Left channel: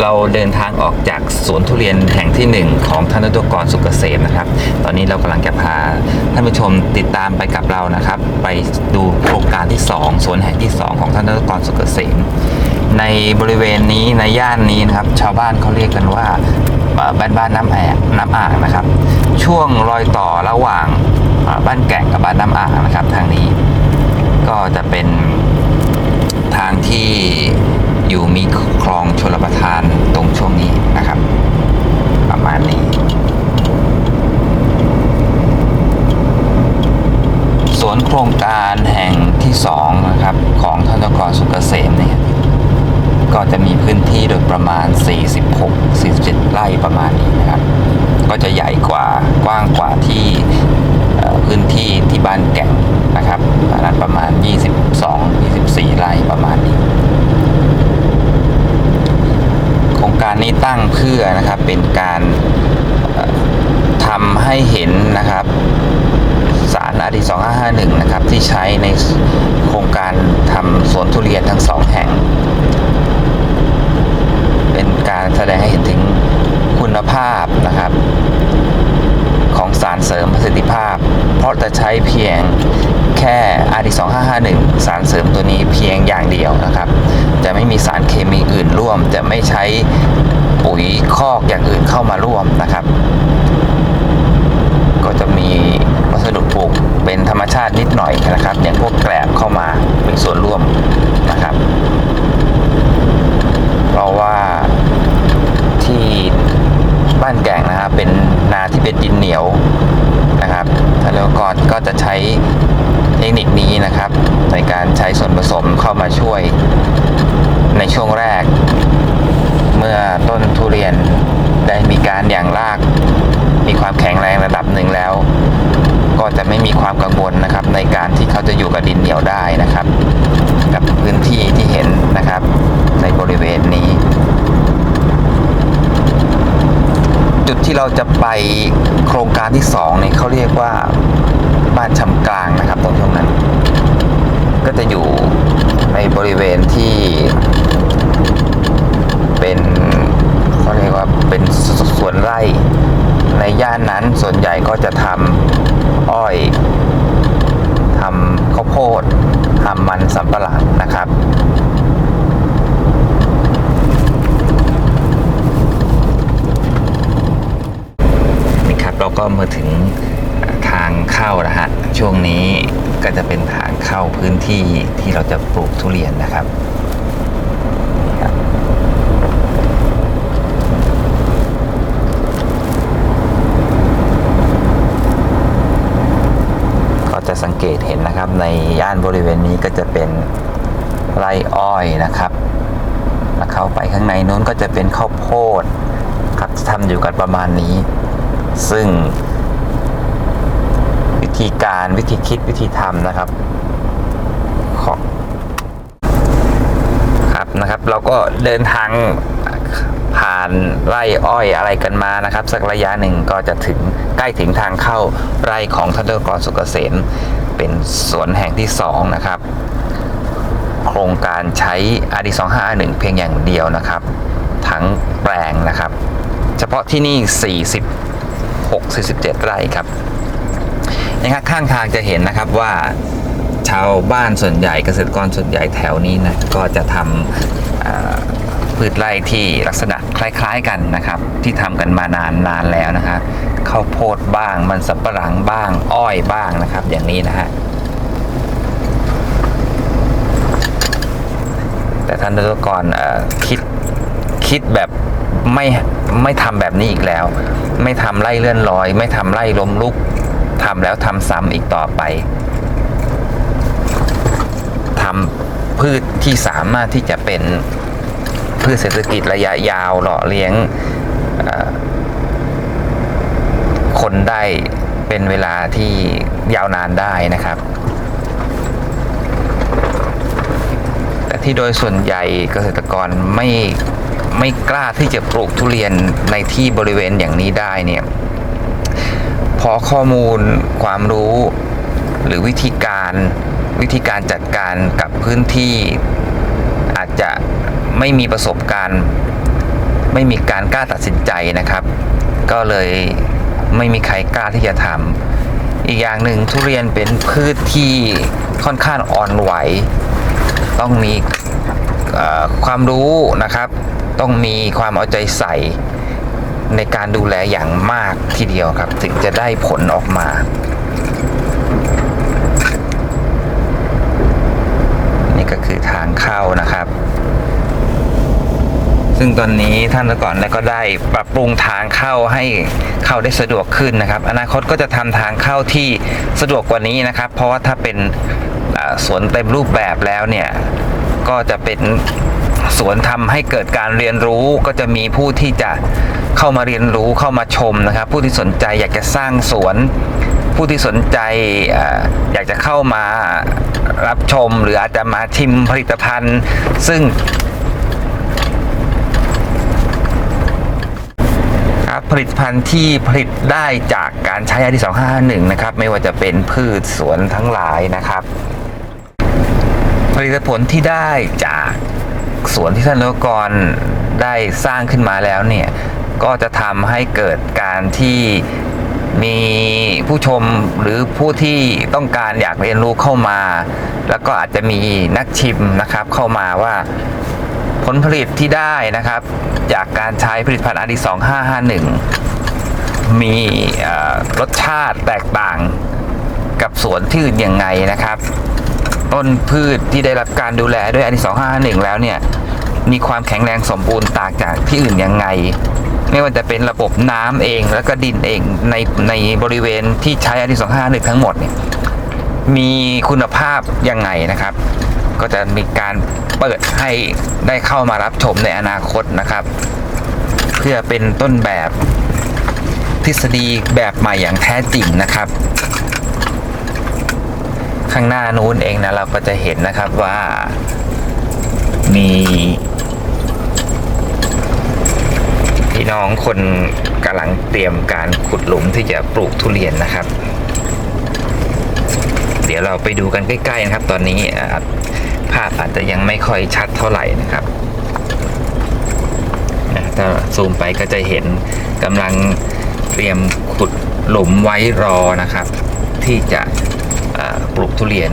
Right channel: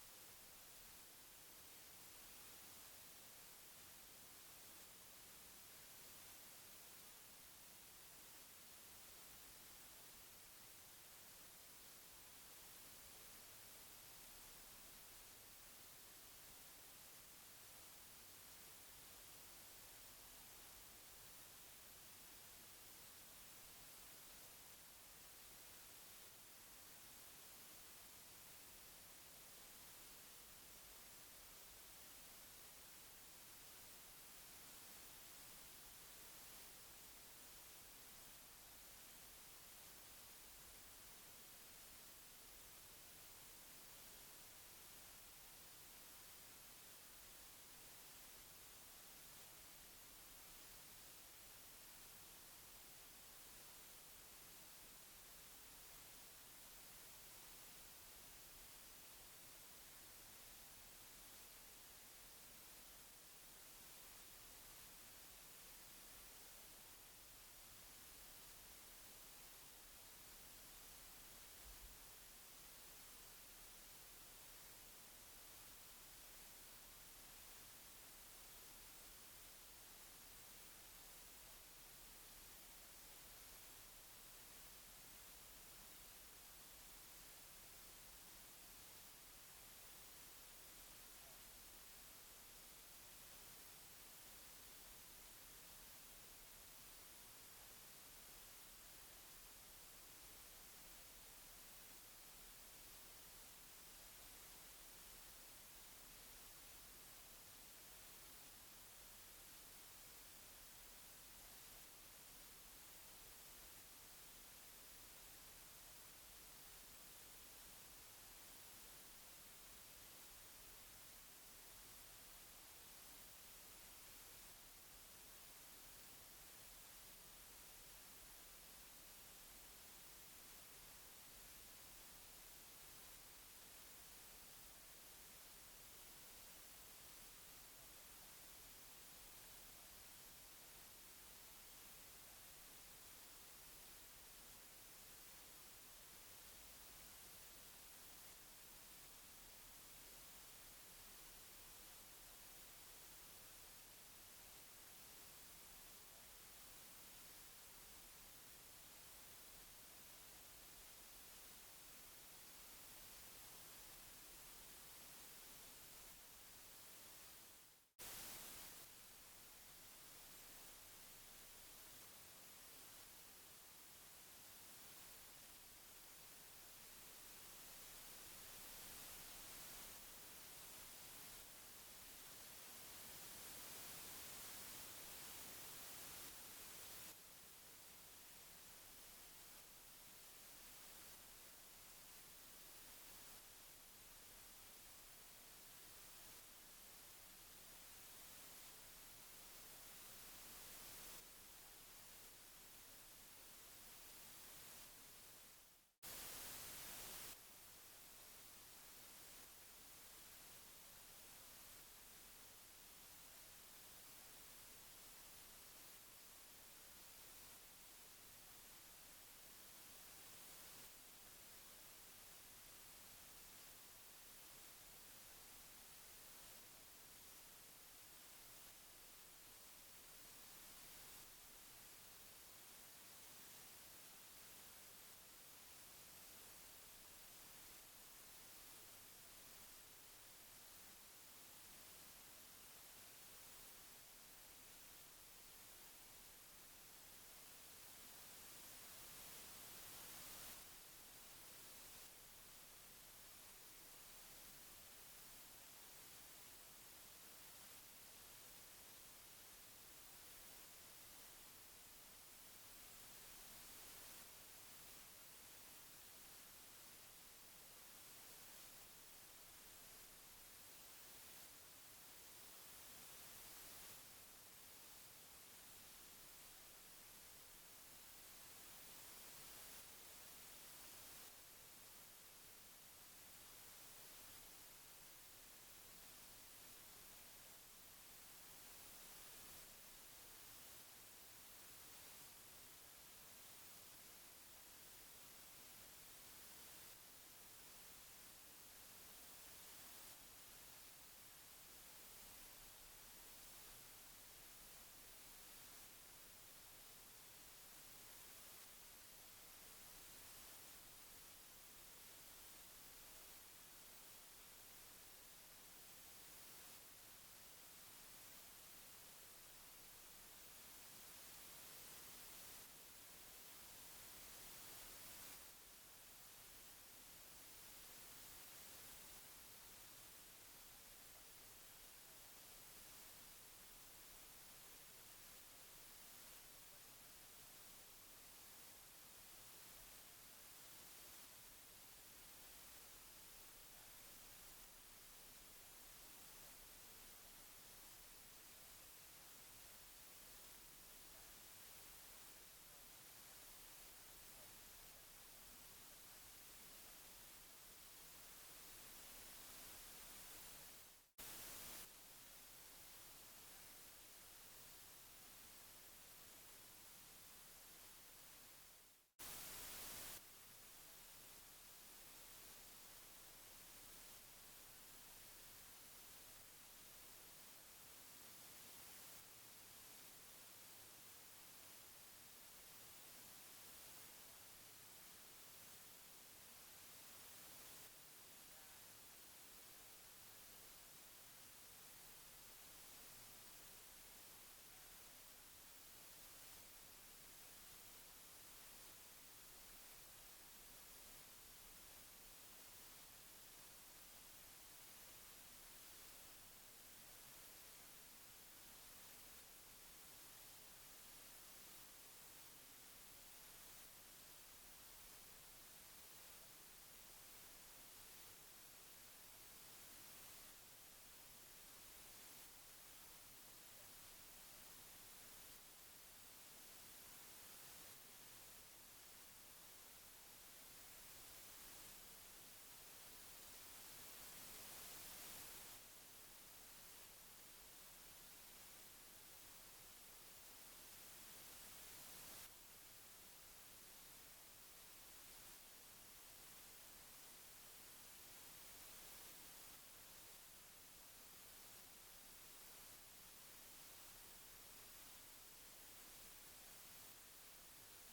เราเดินทางออกจากสวนทุเรียนแห่งที่หนึ่งของท่านนตกรสุกเกษมนะครับ ตอนนี้เรากำลังจะพาท่านผู้ชมติดตามไปกับเรานะครับ ไปดูโครงการที่สองสวนแห่งที่สองของท่านนตกรสุกเกษม ในบริเวณนี้ในย่านนี้นะครับ ชาวบ้านเขาเรียกกันว่าบ้านบ้านน้ำแอ่น้ำอ่างนะครับ ช่วงรอยต่อระหว่างบ้านแก่งกับบ้านน้ำอ่างนะครับ ทางนี้ก็จะเป็นทางที่ องชลประทานตรงช่วงนี้นะครับ ประมาณนี้ สวนโครงการแห่งที่สองนะครับ ของธนกรสุกเกษมเนี่ยก็จะมีพื้นที่โดยประมาณ 46 47 ไร่ประมาณนี้นะครับ ก็จะใหญ่กว่ากว้างกว่าที่พื้นที่ที่บ้านแก่งนะครับอันนั้นประมาณ 22 24 ไร่ประมาณนี้ โครง การนี้ตั้งเพื่อนะครับเป็นการทำให้เห็นนะครับสารอดี2551 นะครับ ที่ใช้ในโครงการทำสวนทุเรียนทั้งสองแห่ง เป็นการแสดงให้เห็นถึงคุณภาพนะครับ ของสารเสริมประสิทธิภาพ เพราะจะใช้เพียง แค่อาดี2551 สารเสริมตัวนี้เพียงอย่างเดียวนะครับ จะไม่มีสารเคมีอื่นร่วม จะไม่ใช้ปุ๋ยคอกอย่างอื่นเข้ามาร่วมนะครับ ก็จะมีวัสดุปลูกเป็นธรรมชาตินิดหน่อยนะครับ อย่างพวกแกลบเข้ามาเป็นส่วนร่วมนะครับ เพราะว่าที่บ้านแก่งนะครับเป็นนาที่เป็นดินเหนียวนะครับแล้วก็ก็จะใช้ นิคนี้นะครับ ในการใช้ส่วนผสมเข้ามาช่วยในช่วงแรก เมื่อต้นทุเรียนได้มีการอย่างราก มีความแข็งแรงระดับหนึ่งแล้ว ก็จะไม่มีความกังวลนะครับ ในการที่เขาจะอยู่กับดินเหนียวได้นะครับ กับพื้นที่ที่เห็นนะครับ ในบริเวณนี้ จุดที่เราจะไปโครงการที่สองเนี่ยเขาเรียกว่าบ้านชำกลางนะครับตรงช่วงนั้น ก็จะอยู่ในบริเวณที่เป็นเขาเรียกว่าเป็นสสวนไร่ในย่านนั้นส่วนใหญ่ก็จะทำอ้อยทำข้าวโพดทำมันสำปะหลังนะครับนี่ครับเราก็มาถึง ทางเข้านะฮะช่วงนี้ก็จะเป็นทางเข้าพื้นที่ที่เราจะปลูกทุเรียนนะครับก็จะสังเกตเห็นนะครับในย่านบริเวณนี้ก็จะเป็นไรอ้อยนะครับแล้วเข้าไปข้างในนู้นก็จะเป็นข้าวโพดครับทำอยู่กันประมาณนี้ ซึ่ง ธีการวิธีคิดวิธีทำนะครับของครับนะครับ เราก็เดินทางผ่านไร่อ้อยอะไรกันมานะครับ สักระยะหนึ่งก็จะถึงใกล้ถึงทางเข้าไร่ของท่านดรกรสุกเกษมเป็นสวนแห่งที่สองนะครับ โครงการใช้อาดี2551 เพียงอย่างเดียวนะครับ ทั้งแปลงนะครับ เฉพาะที่นี่46 47 ไร่ครับ นะครับข้างทางจะเห็นนะครับว่าชาวบ้านส่วนใหญ่เกษตรกรส่วนใหญ่แถวนี้นะก็จะทำพืชไร่ที่ลักษณะคล้ายๆกันนะครับ ที่ทำกันมานานนานแล้วนะฮะข้าวโพดบ้างมันสับปะหลังบ้าง อ้อยบ้างนะครับ อย่างนี้นะฮะแต่ท่านดรกรเอ่อคิดคิดแบบไม่ไม่ทำแบบนี้อีกแล้ว ไม่ทำไร่เลื่อนลอย ไม่ทำไร่ล้มลุก ทำแล้วทำซ้ำอีกต่อไปทำพืชที่สามารถที่จะเป็นพืชเศรษฐกิจระยะยาวหล่อเลี้ยงคนได้เป็นเวลาที่ยาวนานได้นะครับ แต่ที่โดยส่วนใหญ่เกษตรกรไม่ไม่กล้าที่จะปลูกทุเรียนในที่บริเวณอย่างนี้ได้เนี่ย เพราะข้อมูลความรู้ หรือวิธีการวิธีการจัดการกับพื้นที่ อาจจะไม่มีประสบการณ์ ไม่มีการกล้าตัดสินใจนะครับ ก็เลยไม่มีใครกล้าที่จะทำอีกอย่างหนึ่งทุเรียนเป็นพืชที่ค่อนข้างอ่อนไหว ต้องมีความรู้นะครับ ต้องมีความเอาใจใส่ ในการดูแลอย่างมากทีเดียวครับ ถึงจะได้ผลออกมานี่ก็คือทางเข้านะครับ ซึ่งตอนนี้ท่านก่อนแล้วก็ได้ปรับปรุงทางเข้าให้เข้าได้สะดวกขึ้นนะครับ อนาคตก็จะทำทางเข้าที่สะดวกกว่านี้นะครับ เพราะว่าถ้าเป็นสวนเต็มรูปแบบแล้วเนี่ย ก็จะเป็น สวนทำให้เกิดการเรียนรู้ก็จะมีผู้ที่จะเข้ามาเรียนรู้เข้ามาชมนะครับ ผู้ที่สนใจอยากจะสร้างสวน ผู้ที่สนใจอยากจะเข้ามารับชม หรืออาจจะมาชิมผลิตภัณฑ์ ซึ่งผลิตภัณฑ์ที่ผลิตได้จากการใช้อาดี251 นะครับ ไม่ว่าจะเป็นพืชสวนทั้งหลายนะครับ ผลิตผลที่ได้จาก สวนที่ท่านนกรได้สร้างขึ้นมาแล้วเนี่ย ก็จะทำให้เกิดการที่มีผู้ชมหรือผู้ที่ต้องการอยากเรียนรู้เข้ามา แล้วก็อาจจะมีนักชิมนะครับเข้ามาว่าผลผลิตที่ได้นะครับ จากการใช้ผลิตภัณฑ์ RD 2551 มีรสชาติแตกต่างกับสวนที่อื่นยังไงนะครับ ต้นพืชที่ได้รับการดูแลด้วยอันดี2551 แล้วเนี่ย มีความแข็งแรงสมบูรณ์ต่างจากที่อื่นยังไง ไม่ว่าจะเป็นระบบน้ำเองแล้วก็ดินเองในในบริเวณที่ใช้อันดี2551 ทั้งหมดเนี่ยมีคุณภาพยังไงนะครับ ก็จะมีการเปิดให้ได้เข้ามารับชมในอนาคตนะครับ เพื่อเป็นต้นแบบทฤษฎีแบบใหม่อย่างแท้จริงนะครับ ข้างหน้านู้นเองนะเราก็จะเห็นนะครับว่ามีพี่น้องคนกำลังเตรียมการขุดหลุมที่จะปลูกทุเรียนนะครับ เดี๋ยวเราไปดูกันใกล้ๆนะครับ ตอนนี้ภาพอาจจะยังไม่ค่อยชัดเท่าไหร่นะครับถ้าซูมไปก็จะเห็นกำลังเตรียมขุดหลุมไว้รอนะครับ ที่จะ ปลูกทุเรียน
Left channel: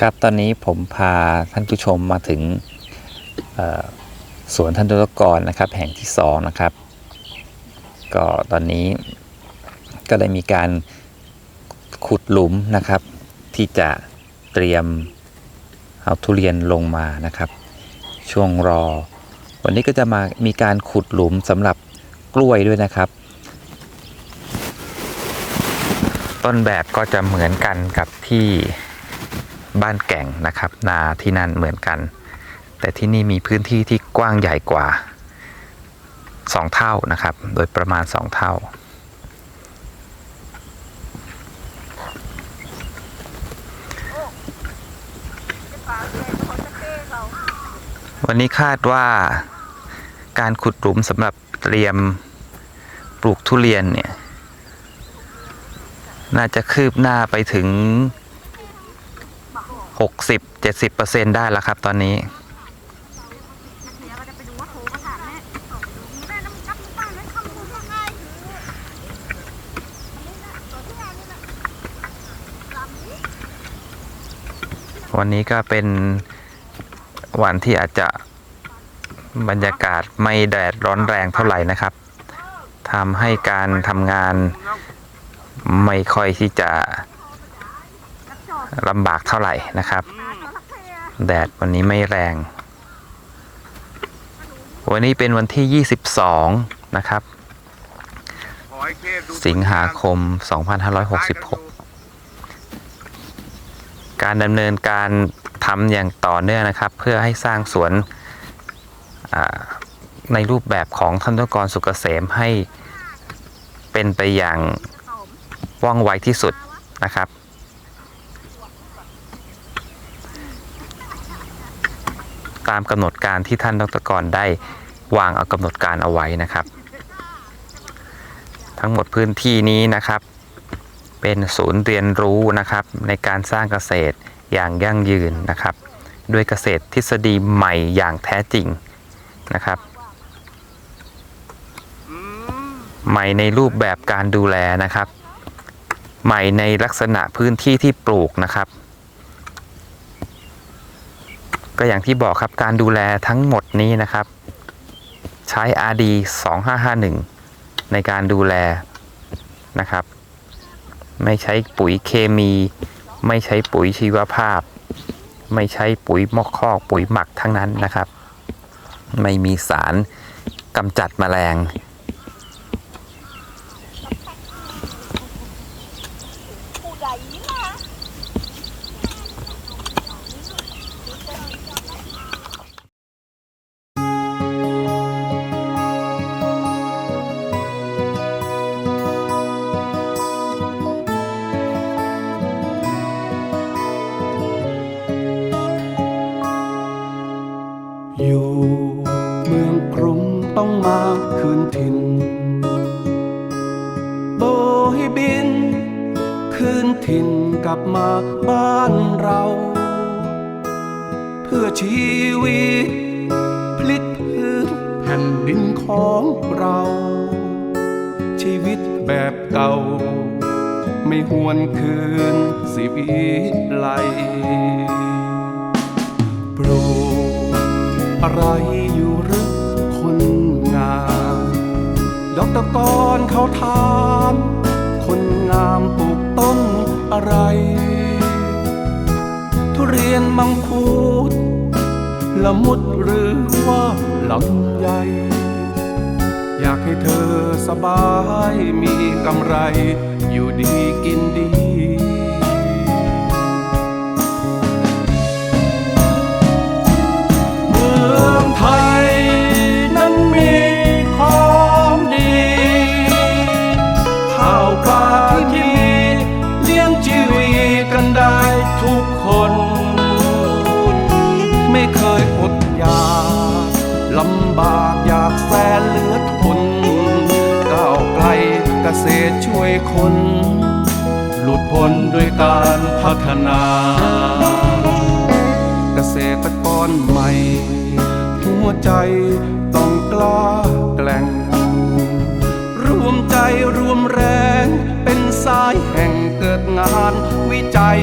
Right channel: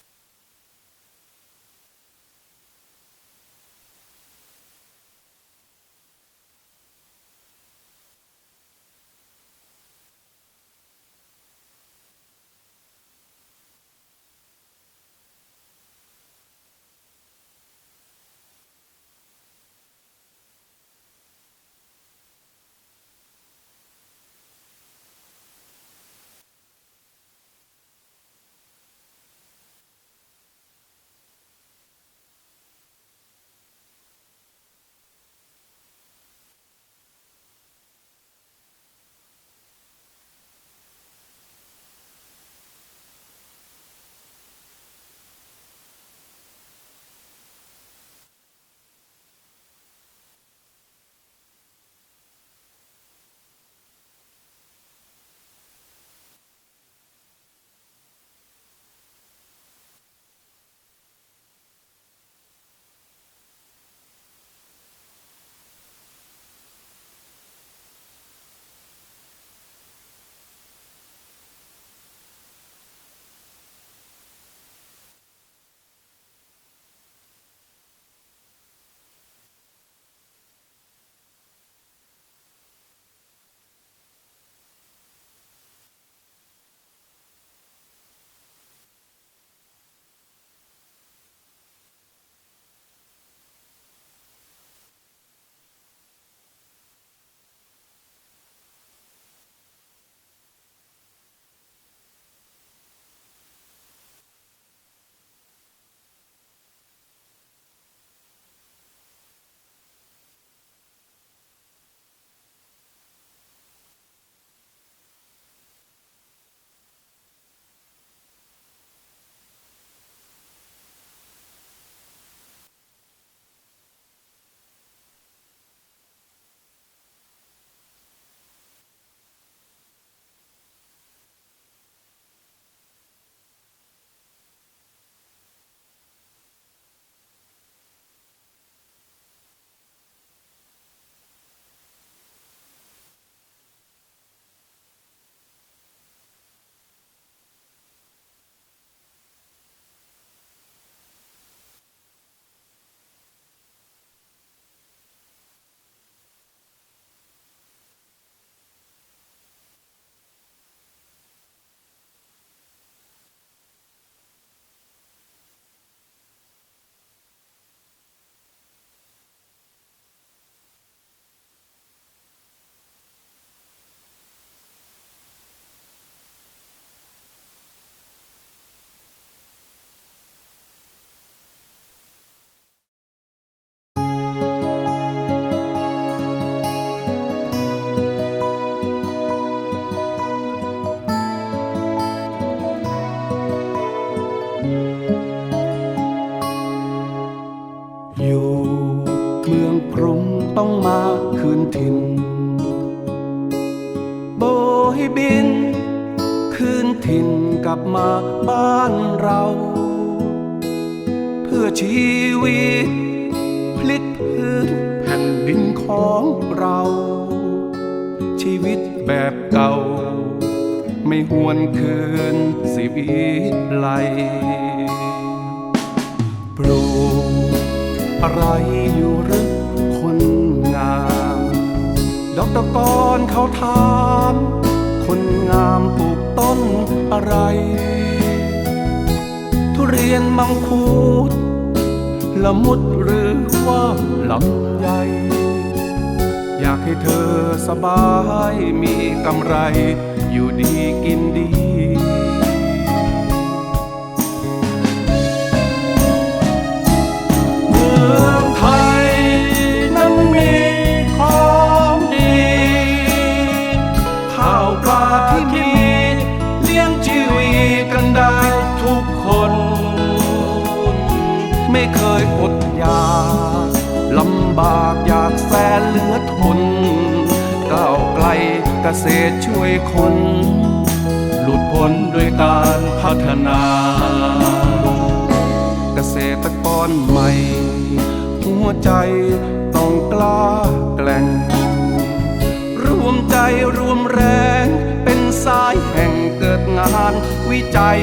ครับตอนนี้ผมพาท่านผู้ชมมาถึงสวนท่านตุลกรนะครับ แห่งที่สองนะครับ ก็ตอนนี้ก็ได้มีการขุดหลุมนะครับที่จะ เตรียมเอาทุเรียนลงมานะครับ ช่วงรอ วันนี้ก็จะมามีการขุดหลุมสำหรับกล้วยด้วยนะครับ ต้นแบบก็จะเหมือนกันกับที่บ้านแก่งนะครับ นาที่นั่นเหมือนกัน แต่ที่นี่มีพื้นที่ที่กว้างใหญ่กว่า 2 เท่านะครับ โดยประมาณ 2 เท่า วันนี้คาดว่าการขุดหลุมสำหรับเตรียมปลูกทุเรียนเนี่ย น่าจะคืบหน้าไปถึง 60-70%ได้แล้วครับตอนนี้วันนี้ก็เป็น วันที่อาจจะบรรยากาศไม่แดดร้อนแรงเท่าไหร่นะครับทำให้การทำงานไม่ค่อยที่จะลำบากเท่าไหร่นะครับ แดดวันนี้ไม่แรง วันนี้เป็นวันที่ 22 นะครับ สิงหาคม 2566 การดำเนินการ ทำอย่างต่อเนื่องนะครับ เพื่อให้สร้างสวนในรูปแบบของท่านตกรสุกเกษมให้เป็นไปอย่างว่องไวที่สุดนะครับ ตามกำหนดการที่ท่านดรกรได้วางเอากำหนดการเอาไว้นะครับ ทั้งหมดพื้นที่นี้นะครับ เป็นศูนย์เรียนรู้นะครับในการสร้างเกษตร อย่างยั่งยืนนะครับ ด้วยเกษตรทฤษฎีใหม่อย่างแท้จริงนะครับ ใหม่ในรูปแบบการดูแลนะครับ ใหม่ในลักษณะพื้นที่ที่ปลูกนะครับ ก็อย่างที่บอกครับการดูแลทั้งหมดนี้นะครับ ใช้ RD 2551 ในการดูแลนะครับ ไม่ใช้ปุ๋ยเคมี ไม่ใช้ปุ๋ยชีวภาพ ไม่ใช้ปุ๋ยมอกคอกปุ๋ยหมักทั้งนั้นนะครับ ไม่มีสารกำจัดแมลง วิต พลิกพื้นแผ่นดินของเรา ชีวิตแบบเก่า ไม่หวนคืนสิวิไลปลูกอะไรอยู่หรือคนงาม ดอกตะกอนเขาถามคนงามปลูกต้นอะไร ทุเรียนมังคุด ละมุดหรือว่าลำไยอยากให้เธอสบายมีกำไร อยู่ดีกินดีเมื่อ เคยอดอยากลำบากอยากแสนเหลือทนก้าวไกลเกษตรช่วยคน หลุดพ้นด้วยการพัฒนา เกษตรกรใหม่ หัวใจต้องกล้าแกล่งรวมใจรวมแรงเป็นสายแห่งเกิดงานวิจัย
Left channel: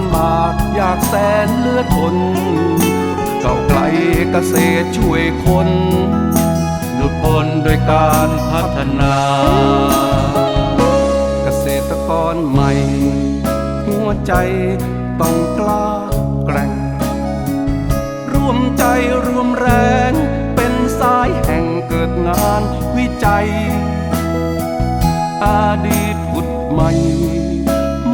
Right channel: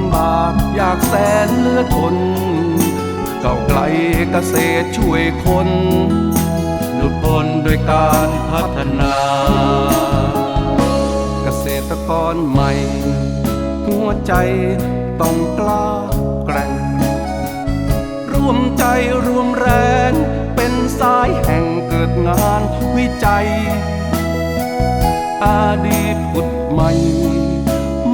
ำบากอยากแสนเลือทนเก่าไกลเกษตรช่วยคนหลุดพ้นโดวยการพัฒนา เกษตรกรใหม่ หัวใจต้องกล้าแกร่ง รวมใจรวมแรง เป็นสายแห่งเกิดงานวิจัย อดีตผุดใหม่